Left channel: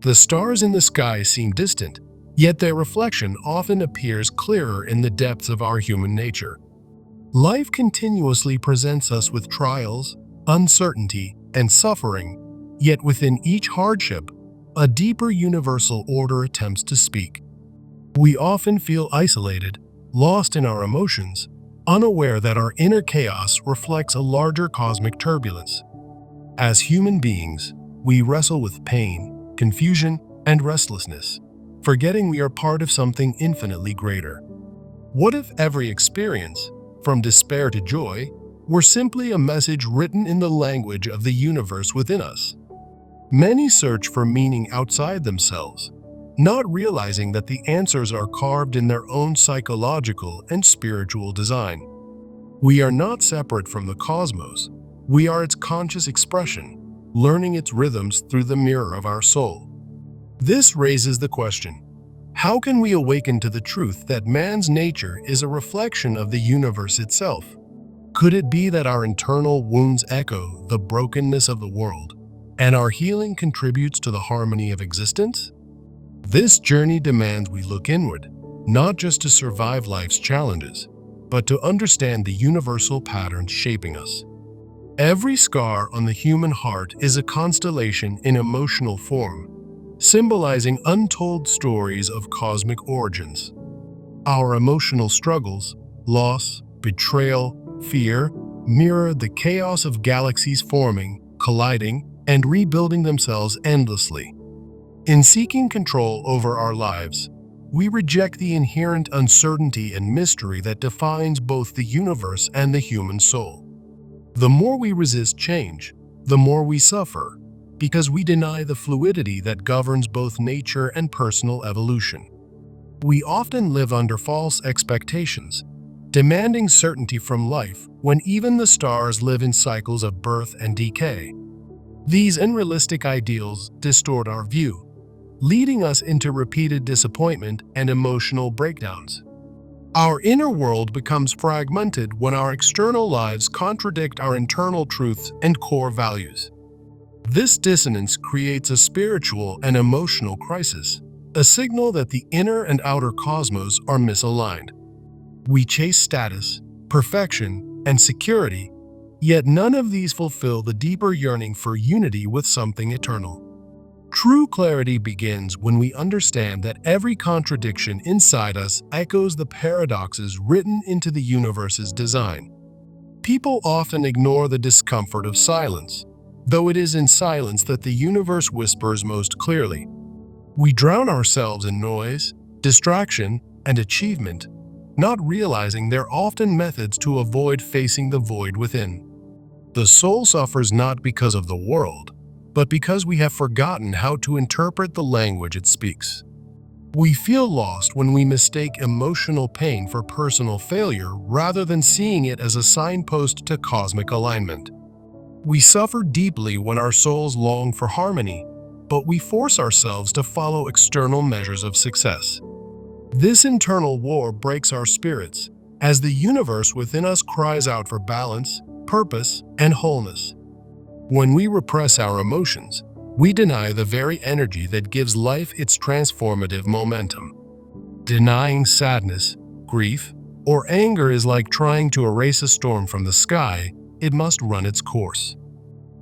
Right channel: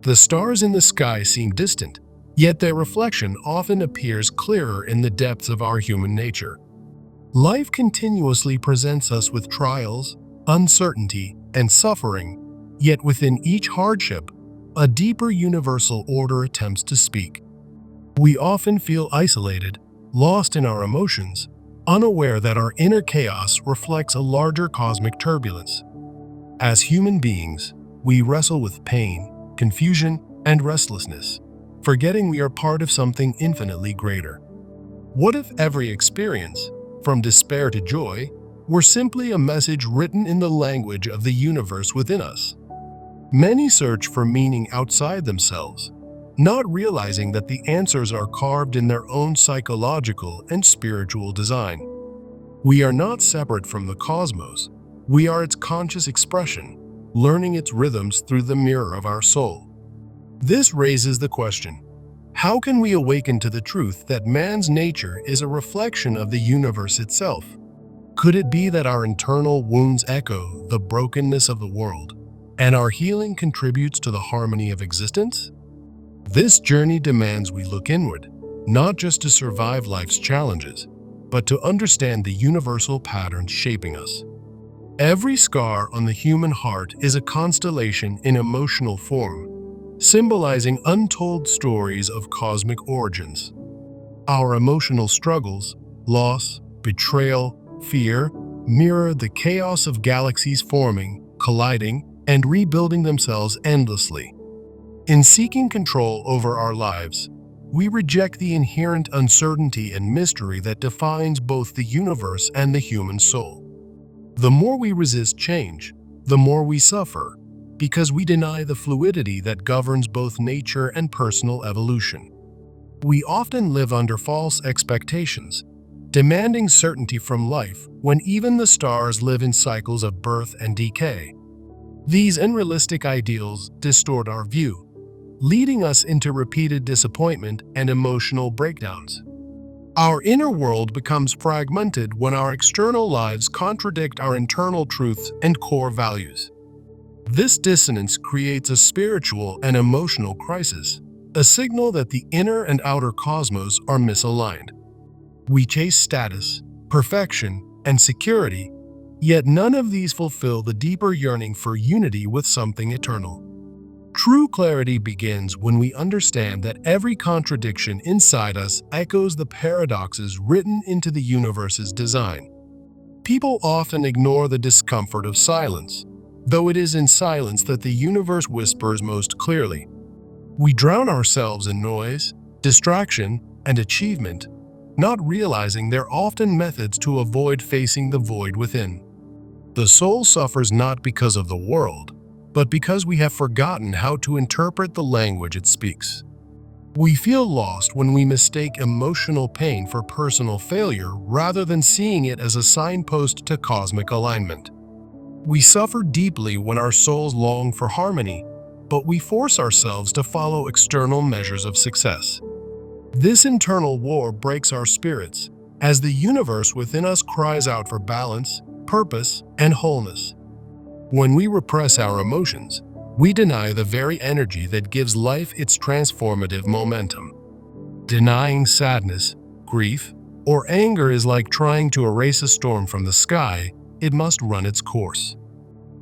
The stars in the sky seem distant, yet their reflection often appears clearer in the depths of our human nature. Life continuously presents us with trials, uncertainty, and suffering, yet within each hardship, a deeper universal order attempts to speak. We often feel isolated, lost in our emotions, unaware that our inner chaos reflects a larger cosmic turbulence. As human beings, we wrestle with pain, confusion, and restlessness, forgetting we are part of something infinitely greater. What if every experience, from despair to joy, were simply a message written in the language of the universe within us? Many search for meaning outside themselves, not realizing that the answers are carved in their own psychological and spiritual design. We are not separate from the cosmos. We are its conscious expression, learning its rhythms through the mirror of our soul. This raises the question: how can we awaken to the truth that man's nature is a reflection of the universe itself? Could it be that our internal wounds echo the brokenness of the world, and our healing contributes to the harmony of existence? This journey demands we look inward, not just to survive life's challenges, but to understand the universal patterns shaping us. Every scar on the human heart is a constellation in emotional form, symbolizing untold stories of cosmic origins. Our emotional struggles, loss, betrayal, fear, mirror the chaos of galaxies forming, colliding, and rebuilding themselves endlessly. In seeking control over our lives, we reject the inherent uncertainty and mystery that defines both the universe and the human soul. The more we resist change, the more we suffer, because we deny the fluidity that governs both nature and personal evolution. We often live under false expectations, demanding certainty from life when even the stars live in cycles of birth and decay. These unrealistic ideals distort our view, leading us into repeated disappointment and emotional breakdowns. Our inner world becomes fragmented when our external lives contradict our internal truths and core values. This dissonance creates a spiritual and emotional crisis, a signal that the inner and outer cosmos are misaligned. We chase status, perfection, and security, yet none of these fulfill the deeper yearning for unity with something eternal. True clarity begins when we understand that every contradiction inside us echoes the paradoxes written into the universe's design. People often ignore the discomfort of silence, though it is in silence that the universe whispers most clearly. We drown ourselves in noise, distraction, and achievement, not realizing they're often methods to avoid facing the void within. The soul suffers not because of the world, but because we have forgotten how to interpret the language it speaks. We feel lost when we mistake emotional pain for personal failure rather than seeing it as a signpost to cosmic alignment. We suffer deeply when our souls long for harmony, but we force ourselves to follow external measures of success. This internal war breaks our spirits, as the universe within us cries out for balance, purpose, and wholeness. When we repress our emotions, we deny the very energy that gives life its transformative momentum. Denying sadness, grief, or anger is like trying to erase a storm from the sky. It must run its course.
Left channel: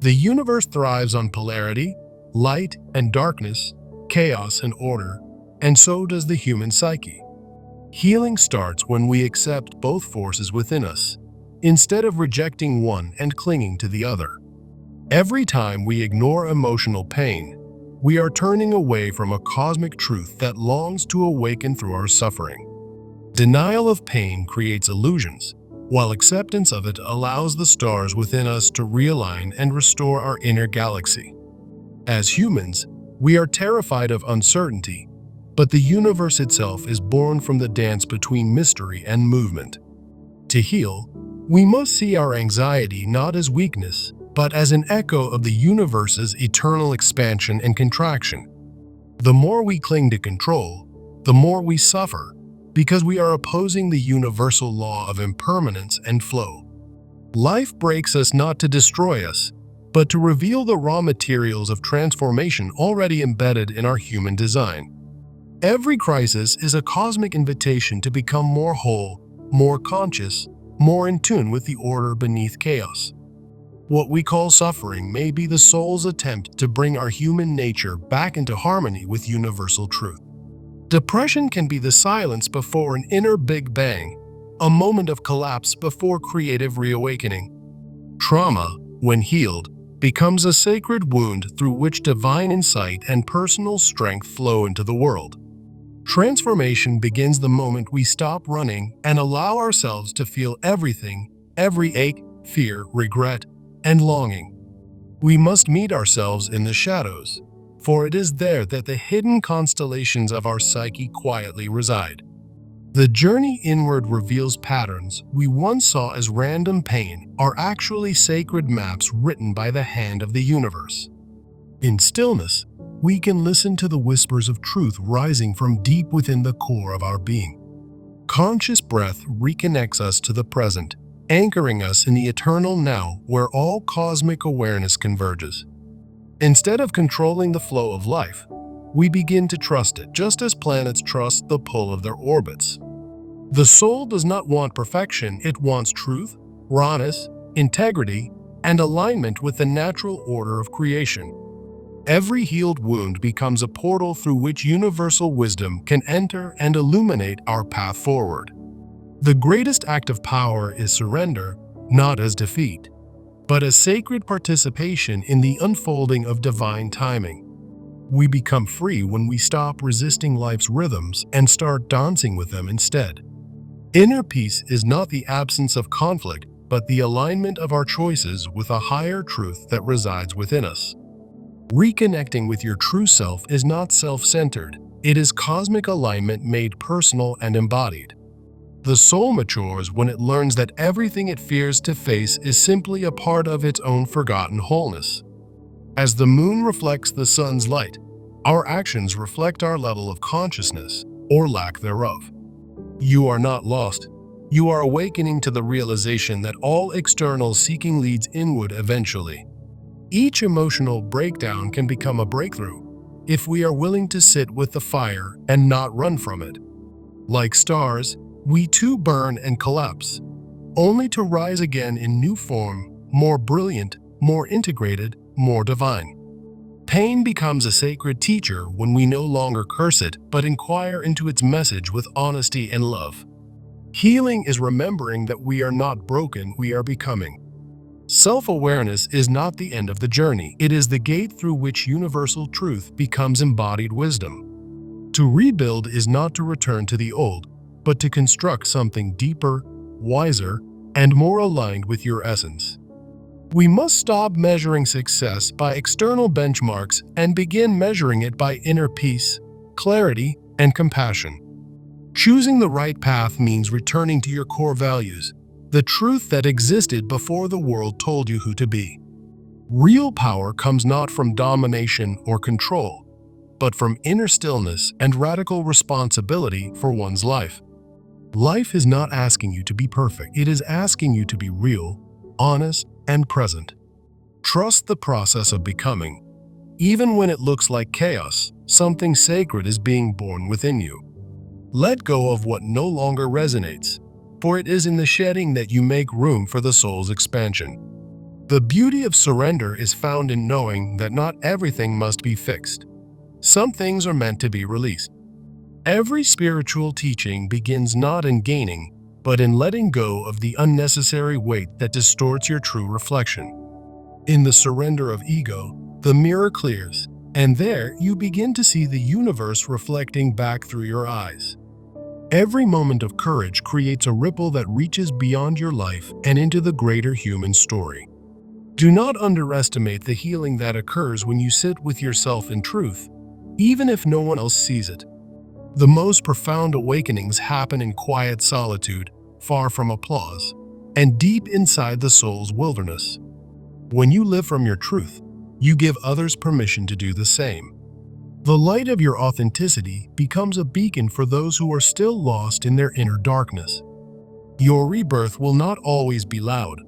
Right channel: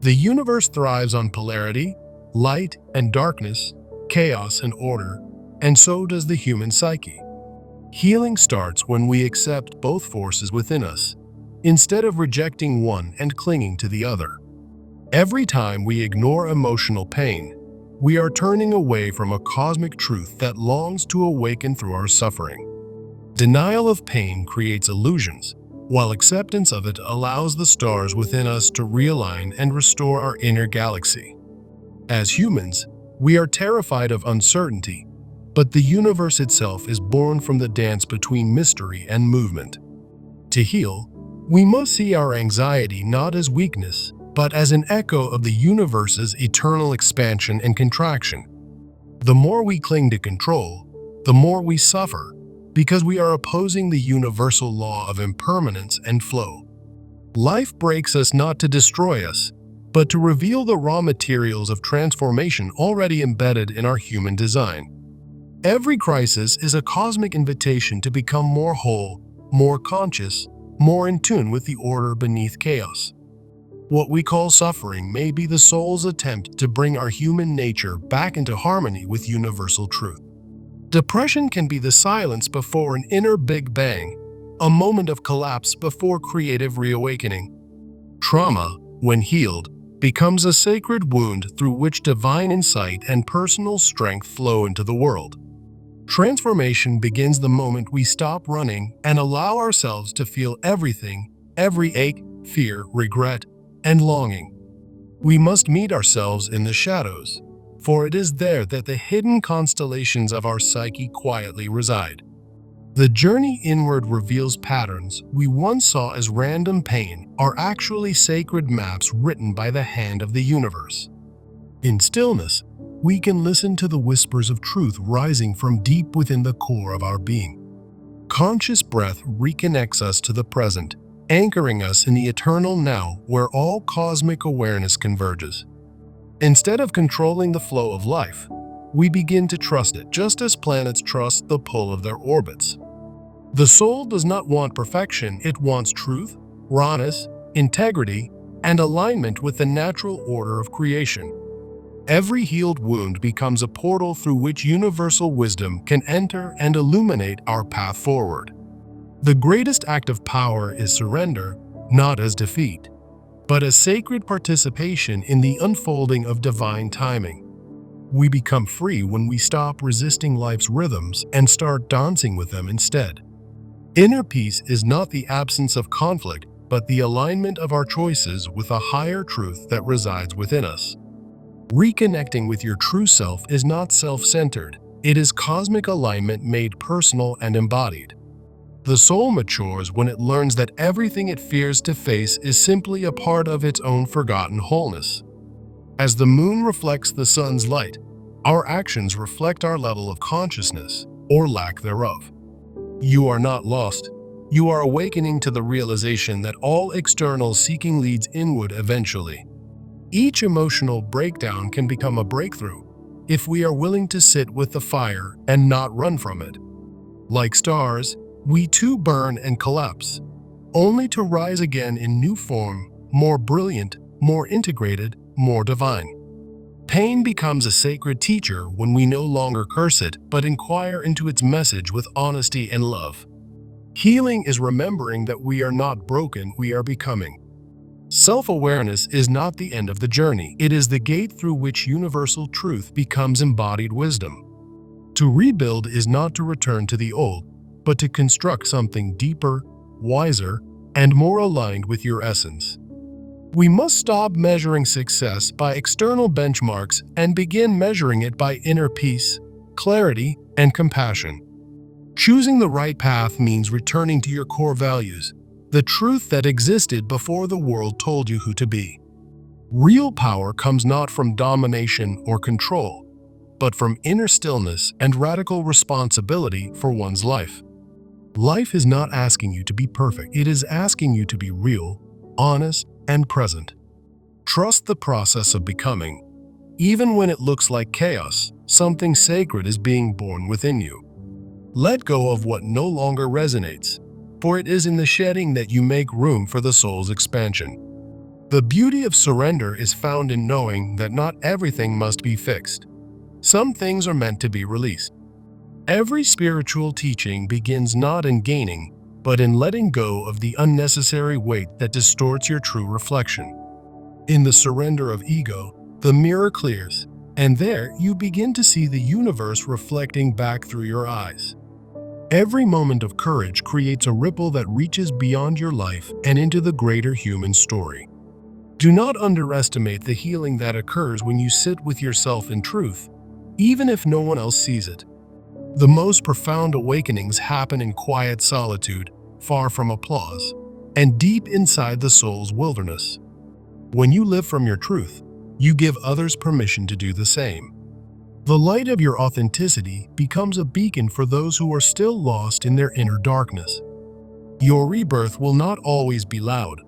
The universe thrives on polarity, light and darkness, chaos and order, and so does the human psyche. Healing starts when we accept both forces within us, instead of rejecting one and clinging to the other. Every time we ignore emotional pain, we are turning away from a cosmic truth that longs to awaken through our suffering. Denial of pain creates illusions, while acceptance of it allows the stars within us to realign and restore our inner galaxy. As humans, we are terrified of uncertainty, but the universe itself is born from the dance between mystery and movement. To heal, we must see our anxiety not as weakness, but as an echo of the universe's eternal expansion and contraction. The more we cling to control, the more we suffer, because we are opposing the universal law of impermanence and flow. Life breaks us not to destroy us, but to reveal the raw materials of transformation already embedded in our human design. Every crisis is a cosmic invitation to become more whole, more conscious, more in tune with the order beneath chaos. What we call suffering may be the soul's attempt to bring our human nature back into harmony with universal truth. Depression can be the silence before an inner Big Bang, a moment of collapse before creative reawakening. Trauma, when healed, becomes a sacred wound through which divine insight and personal strength flow into the world. Transformation begins the moment we stop running and allow ourselves to feel everything, every ache, fear, regret, and longing. We must meet ourselves in the shadows, for it is there that the hidden constellations of our psyche quietly reside. The journey inward reveals patterns we once saw as random pain are actually sacred maps written by the hand of the universe. In stillness, we can listen to the whispers of truth rising from deep within the core of our being. Conscious breath reconnects us to the present, anchoring us in the eternal now where all cosmic awareness converges. Instead of controlling the flow of life, we begin to trust it, just as planets trust the pull of their orbits. The soul does not want perfection, it wants truth, rawness, integrity, and alignment with the natural order of creation. Every healed wound becomes a portal through which universal wisdom can enter and illuminate our path forward. The greatest act of power is surrender, not as defeat, but as sacred participation in the unfolding of divine timing. We become free when we stop resisting life's rhythms and start dancing with them instead. Inner peace is not the absence of conflict, but the alignment of our choices with a higher truth that resides within us. Reconnecting with your true self is not self-centered, it is cosmic alignment made personal and embodied. The soul matures when it learns that everything it fears to face is simply a part of its own forgotten wholeness. As the moon reflects the sun's light, our actions reflect our level of consciousness, or lack thereof. You are not lost. You are awakening to the realization that all external seeking leads inward eventually. Each emotional breakdown can become a breakthrough if we are willing to sit with the fire and not run from it. Like stars, we too burn and collapse, only to rise again in new form, more brilliant, more integrated, more divine. Pain becomes a sacred teacher when we no longer curse it, but inquire into its message with honesty and love. Healing is remembering that we are not broken, we are becoming. Self-awareness is not the end of the journey, it is the gate through which universal truth becomes embodied wisdom. To rebuild is not to return to the old, but to construct something deeper, wiser, and more aligned with your essence. We must stop measuring success by external benchmarks and begin measuring it by inner peace, clarity, and compassion. Choosing the right path means returning to your core values, the truth that existed before the world told you who to be. Real power comes not from domination or control, but from inner stillness and radical responsibility for one's life. Life is not asking you to be perfect, it is asking you to be real, honest, and present. Trust the process of becoming. Even when it looks like chaos, something sacred is being born within you. Let go of what no longer resonates, for it is in the shedding that you make room for the soul's expansion. The beauty of surrender is found in knowing that not everything must be fixed. Some things are meant to be released. Every spiritual teaching begins not in gaining, but in letting go of the unnecessary weight that distorts your true reflection. In the surrender of ego, the mirror clears, and there you begin to see the universe reflecting back through your eyes. Every moment of courage creates a ripple that reaches beyond your life and into the greater human story. Do not underestimate the healing that occurs when you sit with yourself in truth, even if no one else sees it. The most profound awakenings happen in quiet solitude, far from applause, and deep inside the soul's wilderness. When you live from your truth, you give others permission to do the same. The light of your authenticity becomes a beacon for those who are still lost in their inner darkness. Your rebirth will not always be loud,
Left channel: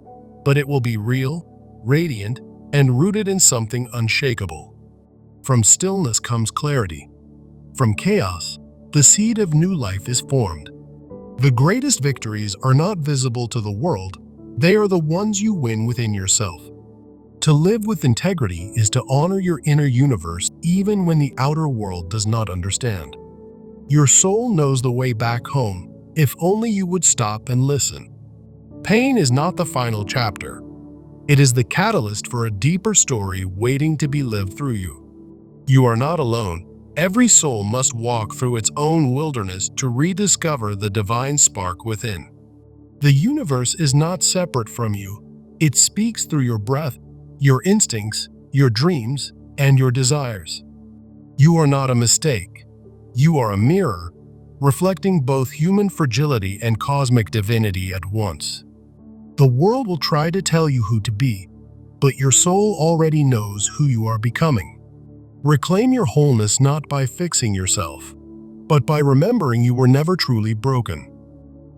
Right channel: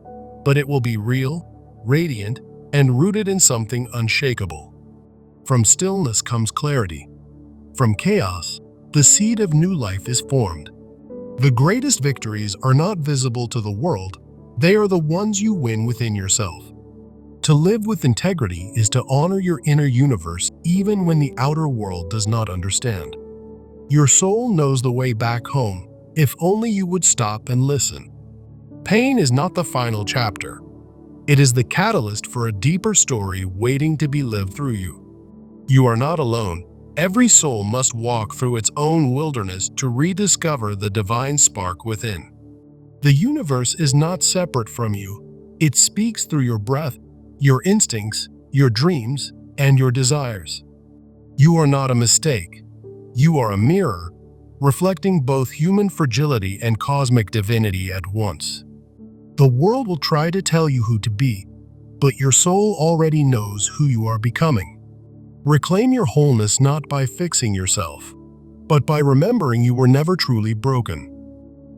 but it will be real, radiant, and rooted in something unshakable. From stillness comes clarity. From chaos, the seed of new life is formed. The greatest victories are not visible to the world, they are the ones you win within yourself. To live with integrity is to honor your inner universe even when the outer world does not understand. Your soul knows the way back home, if only you would stop and listen. Pain is not the final chapter. It is the catalyst for a deeper story waiting to be lived through you. You are not alone. Every soul must walk through its own wilderness to rediscover the divine spark within. The universe is not separate from you. It speaks through your breath, your instincts, your dreams, and your desires. You are not a mistake. You are a mirror, reflecting both human fragility and cosmic divinity at once. The world will try to tell you who to be, but your soul already knows who you are becoming. Reclaim your wholeness not by fixing yourself, but by remembering you were never truly broken.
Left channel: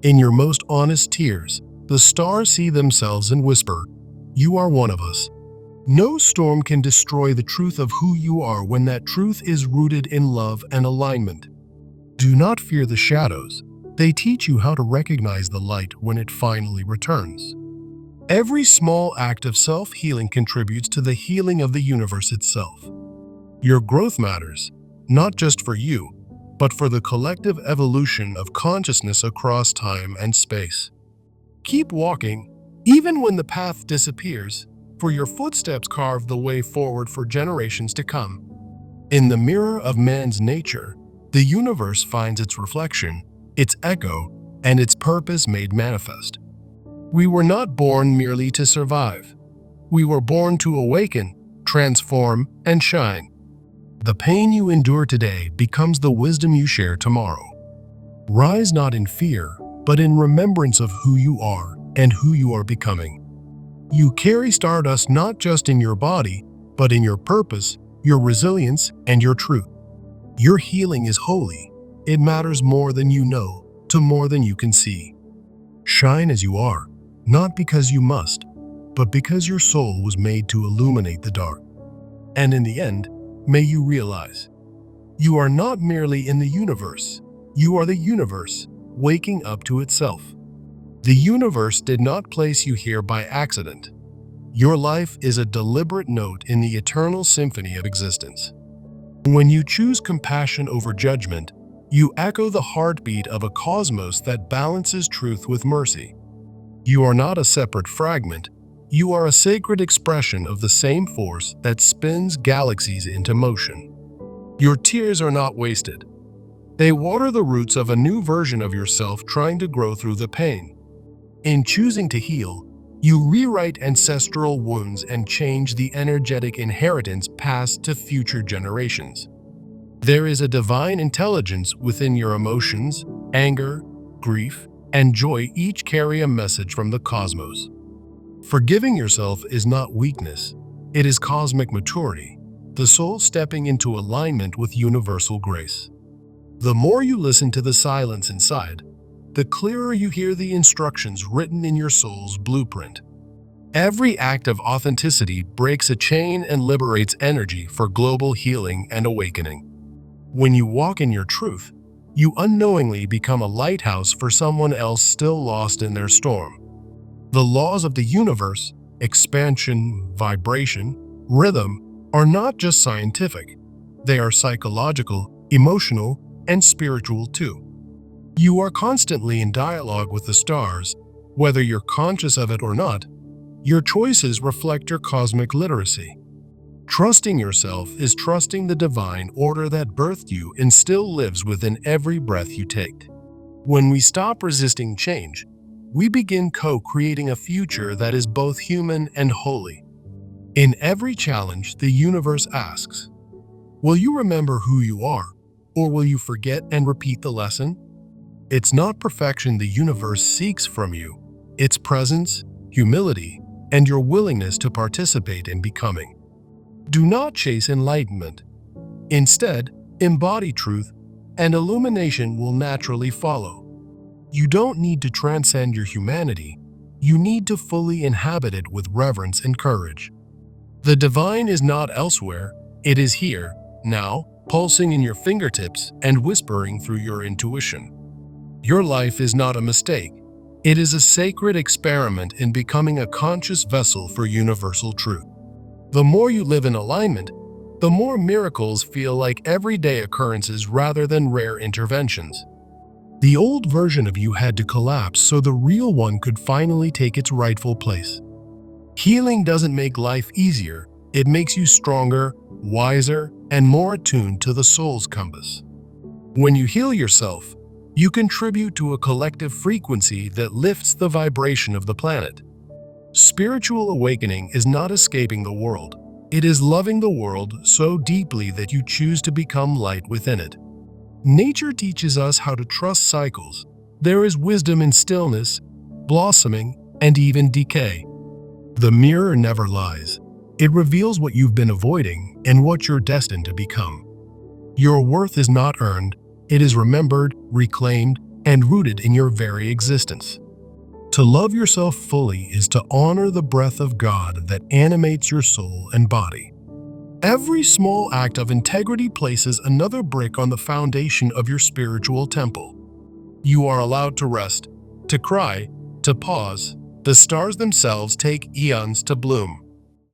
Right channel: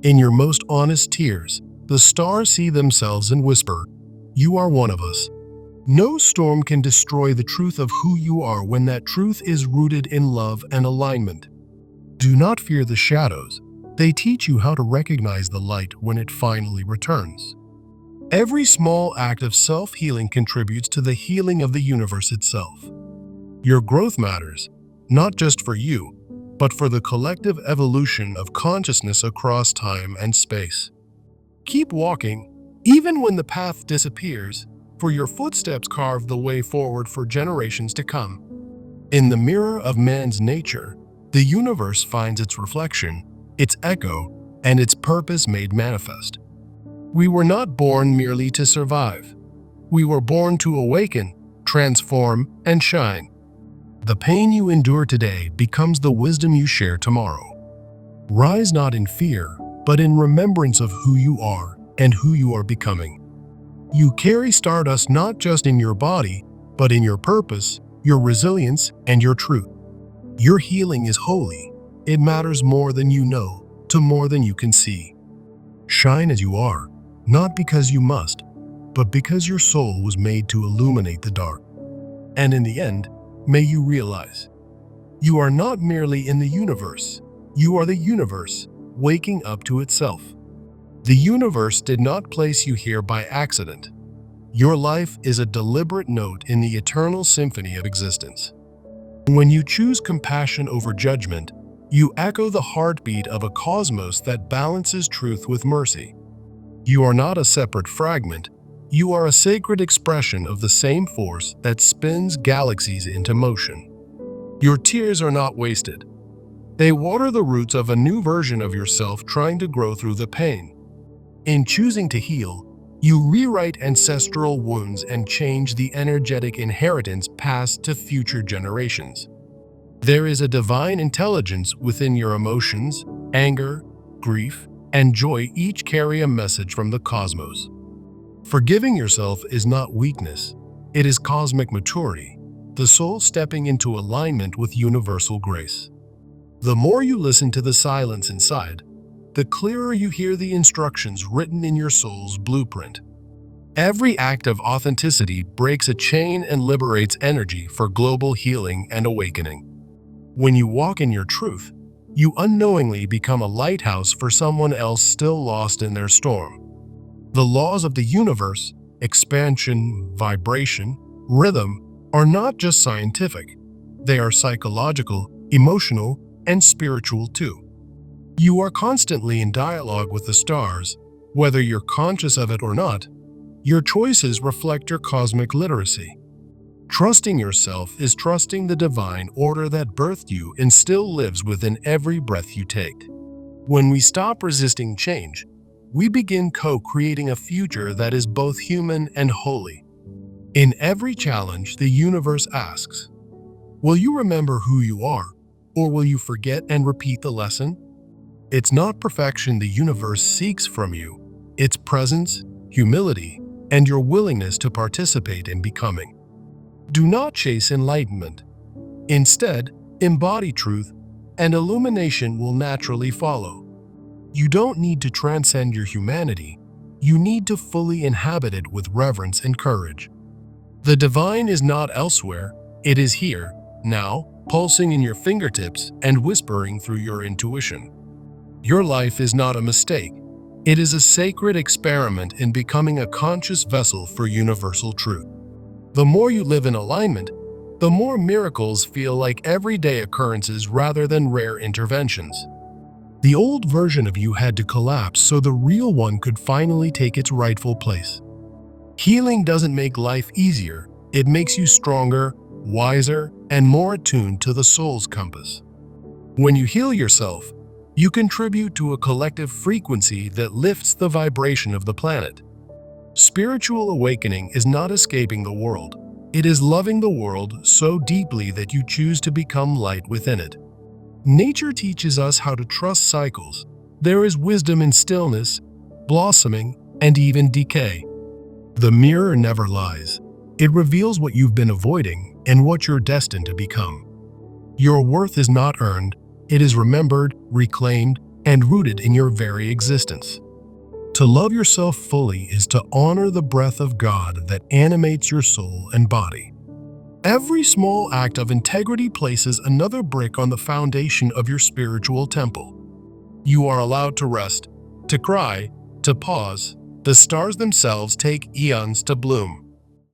In your most honest tears, the stars see themselves and whisper, "You are one of us." No storm can destroy the truth of who you are when that truth is rooted in love and alignment. Do not fear the shadows. They teach you how to recognize the light when it finally returns. Every small act of self-healing contributes to the healing of the universe itself. Your growth matters, not just for you, but for the collective evolution of consciousness across time and space. Keep walking, even when the path disappears, for your footsteps carve the way forward for generations to come. In the mirror of man's nature, the universe finds its reflection, its echo, and its purpose made manifest. We were not born merely to survive. We were born to awaken, transform, and shine. The pain you endure today becomes the wisdom you share tomorrow. Rise not in fear, but in remembrance of who you are and who you are becoming. You carry stardust not just in your body, but in your purpose, your resilience, and your truth. Your healing is holy. It matters more than you know, to more than you can see. Shine as you are, not because you must, but because your soul was made to illuminate the dark. And in the end, may you realize, you are not merely in the universe, you are the universe, waking up to itself. The universe did not place you here by accident. Your life is a deliberate note in the eternal symphony of existence. When you choose compassion over judgment, you echo the heartbeat of a cosmos that balances truth with mercy. You are not a separate fragment. You are a sacred expression of the same force that spins galaxies into motion. Your tears are not wasted. They water the roots of a new version of yourself trying to grow through the pain. In choosing to heal, you rewrite ancestral wounds and change the energetic inheritance passed to future generations. There is a divine intelligence within your emotions, anger, grief, and joy each carry a message from the cosmos. Forgiving yourself is not weakness, it is cosmic maturity, the soul stepping into alignment with universal grace. The more you listen to the silence inside, the clearer you hear the instructions written in your soul's blueprint. Every act of authenticity breaks a chain and liberates energy for global healing and awakening. When you walk in your truth, you unknowingly become a lighthouse for someone else still lost in their storm. The laws of the universe, expansion, vibration, rhythm, are not just scientific. They are psychological, emotional, and spiritual too. You are constantly in dialogue with the stars, whether you're conscious of it or not. Your choices reflect your cosmic literacy. Trusting yourself is trusting the divine order that birthed you and still lives within every breath you take. When we stop resisting change, we begin co-creating a future that is both human and holy. In every challenge, the universe asks, will you remember who you are, or will you forget and repeat the lesson? It's not perfection the universe seeks from you, it's presence, humility, and your willingness to participate in becoming. Do not chase enlightenment. Instead, embody truth, and illumination will naturally follow. You don't need to transcend your humanity. You need to fully inhabit it with reverence and courage. The divine is not elsewhere, it is here, now, pulsing in your fingertips and whispering through your intuition. Your life is not a mistake. It is a sacred experiment in becoming a conscious vessel for universal truth. The more you live in alignment, the more miracles feel like everyday occurrences rather than rare interventions. The old version of you had to collapse so the real one could finally take its rightful place. Healing doesn't make life easier, it makes you stronger, wiser, and more attuned to the soul's compass. When you heal yourself, you contribute to a collective frequency that lifts the vibration of the planet. Spiritual awakening is not escaping the world. It is loving the world so deeply that you choose to become light within it. Nature teaches us how to trust cycles. There is wisdom in stillness, blossoming, and even decay. The mirror never lies. It reveals what you've been avoiding and what you're destined to become. Your worth is not earned, it is remembered, reclaimed, and rooted in your very existence. To love yourself fully is to honor the breath of God that animates your soul and body. Every small act of integrity places another brick on the foundation of your spiritual temple. You are allowed to rest, to cry, to pause. The stars themselves take eons to bloom.